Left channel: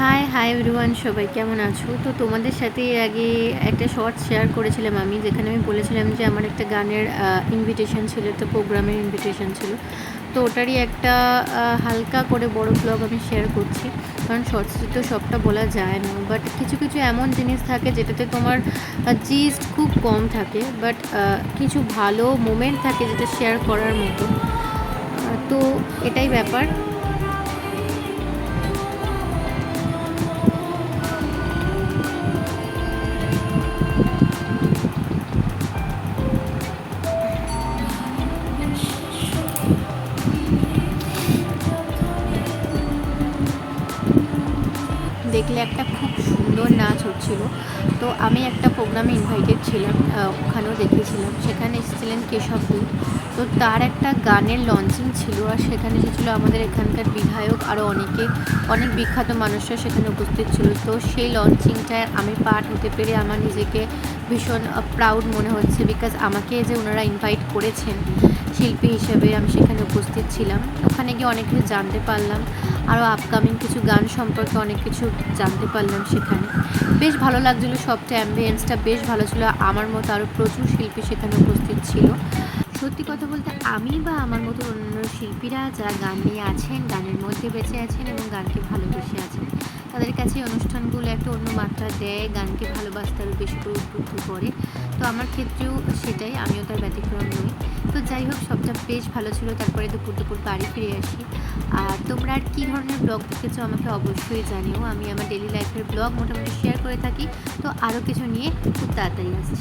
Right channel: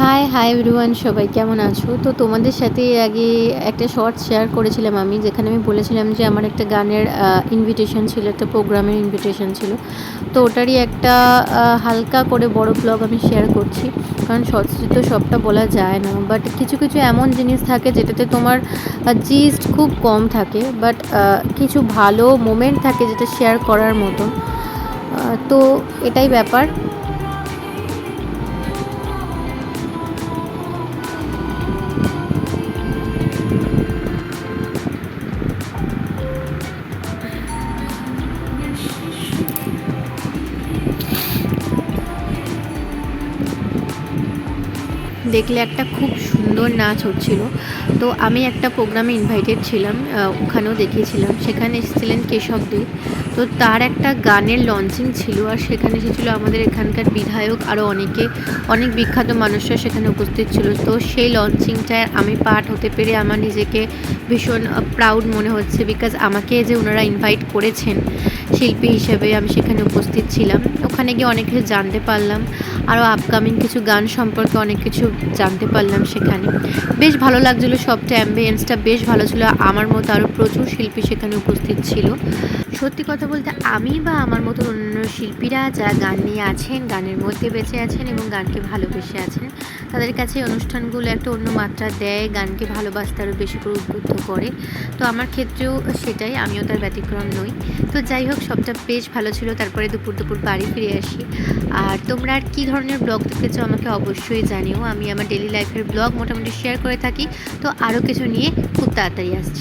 High hi everyone, সবাই কেমন আছো? তো তোমাদের সাথে এর আগে একটা শর্ট শেয়ার করেছিলাম আমি, যেখানে আমি বলেছিলাম যে আমার একটা গানের ইনভিটেশন ছিল, একটা প্রোগ্রামের ইনভিটেশন ছিল। তো ওটারই একটা হালকা করে বড় ব্লগ আমি শেয়ার করছি। কারণ শর্টসে তো সবটা বলা যায় না, বাট কিছু কিছু এমন জিনিস থাকে যেটাতে তোমার জিস্ট খুব কম থাকে, বাট কিছু ভালো মোমেন্ট থাকে যেটা শেয়ার করার মতো। তো এটাই ব্যাপার। দেখলে একটা খুব সুন্দর নাচ হচ্ছিল। তো আমি একটা প্রোগ্রামে ইনভাইটেড ছিলাম, ওখানেও দেখিয়েছিলাম। সেখানে এসেছিলেন কেশব দে। তো তার একটা গানের লঞ্চিং ছিল, আর সেখানে এসেছিল আমাদের এখানকার বিধায়ক, আরও অনেক বিখ্যাত মানুষরা সেখানে উপস্থিত ছিল। তো সেই লঞ্চিংটায় আমি পার্ট হতে পেরে আমার নিজেকে ভীষণ প্রাউড মনে হচ্ছে, বিকজ আমাকে যে ওনারা ইনভাইট করেছেন শিল্পী হিসেবে, আমি সেখানে উপস্থিত ছিলাম। ওখানে গিয়ে অনেক কিছু জানতে পারলাম, আরও আপকামিং কিছু গান সম্পর্কে অনেক কিছু জানতে পারলাম সেখানে। বেশ ভালো লাগছিলো, সবটা অ্যাম্বিয়েন্সটা বেশ ভালো ছিল। আমার মতো আরও প্রচুর শিল্পী সেখানে উপস্থিত ছিল। সত্যি কথা বলতে আমি বা আমার মতো অন্য শিল্পীরা যারা গান নিয়ে আছেন, গানের মধ্যে বেঁচে আছেন এবং গানকে ভালোবেসে আছেন, তাদের কাছে এই অনুষ্ঠানগুলো একটা অন্য মাত্রা দেয়, গানকে ভালোবাসতে আরও বেশি করে উদ্বুদ্ধ করে। তো আমার ক্ষেত্রেও সেটাই, আমিও তার ব্যতিক্রম নই। তো যাই হোক, সবটা বেশ ভালো ছিল। তারপরে দুপুর বাড়ি ফিরে আসি। আর তোমরা আর কী ধরনের ব্লগ দেখতে চাও আমাকে অবশ্যই জানিও। আমি আমার ডেলি লাইফের ব্লগ মোটামুটি শেয়ার করে থাকি। তো আরও কিছু নিয়ে খুব তাড়াতাড়ি আসছি।